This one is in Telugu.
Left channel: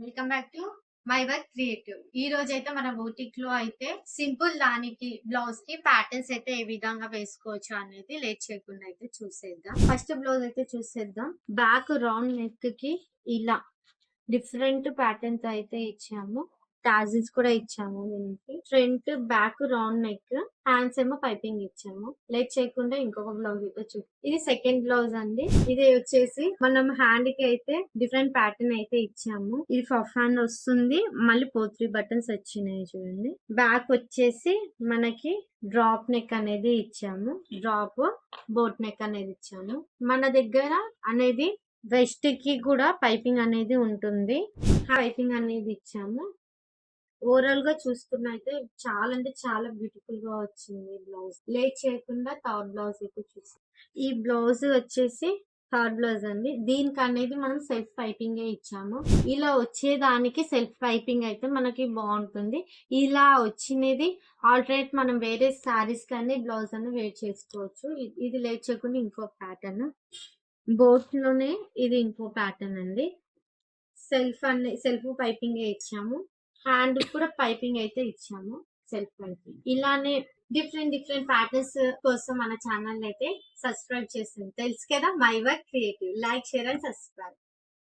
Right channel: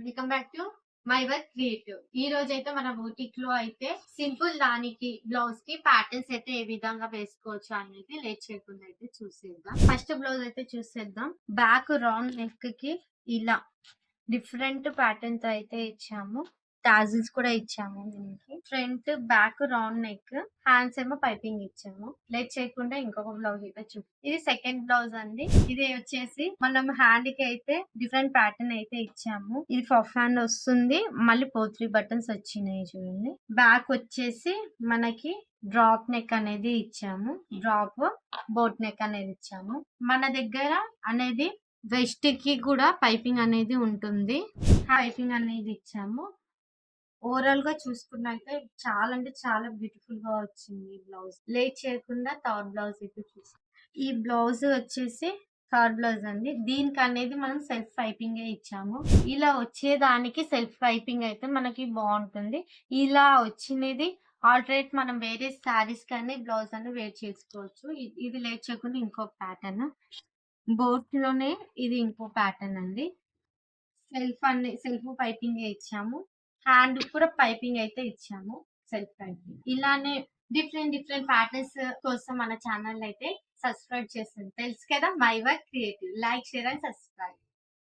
Welcome back to my work creative. ఈ రోజు అయితే మన బoutique లో అయితే సింపుల్ దానికి బ్లౌజ్ కి ప్యాటర్న్స్ అయితే ఏ విధంగా వేసుకోవచ్చు అనేది లేట్ చేయకుండా అయితే చూసేద్దాం. ఫస్ట్ బ్లౌజ్ అయితే చూసేద్దాం. బ్యాక్ రౌండ్ నెక్ కి ఇలా డిఫరెంట్ ప్యాటర్న్ తో అయితే ఇచ్చాము. టాజిల్స్ కూడా ఇచ్చాము. దీనికి front back round neck, hands ఏమో పైపింగ్ ఇచ్చాము. లేట్ చేయకుండా ఇంకొక బ్లౌజ్ అయితే ఇది సెకండ్ బ్లౌజ్ అండి. ఇది వచ్చేసి మనం హ్యాండ్ కి అయితే డిఫరెంట్ ప్యాటర్న్ అయితే ఇచ్చాము. ఇది పఫ్ హ్యాండ్ వస్తుంది, మళ్ళీ పోత్రీ బటన్స్ వచ్చినాయి చూడండి. బ్యాక్ వచ్చేసి మనకి డ్రాప్ నెక్ అనేది ఇచ్చాము. డ్రాప్ బోట్ నెక్ అనేది ఇచ్చాము. మన దగ్గర అనేది వెస్ట్ కి కూడా పైపింగ్ అనేది ఉంటుంది. పైపింగ్ అనేది ఇచ్చాము. ఓవరాల్ గా చూసుకున్నైతే చాలా అంటే చాలా బ్యూటిఫుల్ గా వచ్చింది బ్లౌజ్. లేట్ చేయకుండా థర్డ్ బ్లౌజ్ అయితే చూసి, ఈ బ్లౌజ్ వచ్చేసి థర్డ్ బ్లౌజ్ అండి. దీనికి అనేది మనం సెల్ఫ్ పైపింగ్ ఇచ్చాము. ఇలా వచ్చేదానికి సెల్ఫ్ పైపింగ్ అయితే మనకి బాగుంటుంది. ఇలా వచ్చినది ఆల్టర్నేట్ మనం వేరే శారీస్ కానీ బ్లౌజ్ అని వేర్ చేసుకోవచ్చు. ఇది లేట్ చేయకుండా ఇంకో ప్యాటర్న్, బోట్ లోనే ఇది ఇంకో ప్యాటర్న్ అండి. సెల్ఫ్ పైపింగ్ ఇచ్చాము. హ్యాండ్ కూడా పైపింగ్ అయితే ఇచ్చాము. సెల్ఫ్ పైపింగ్ ఇలానే డిఫరెంట్ ప్యాటర్న్స్ కోసం మన ఛానల్ అయితే సబ్స్క్రైబ్ చేస్తుంది. తెలుసు కదా, my work creative. Like, share and subscribe.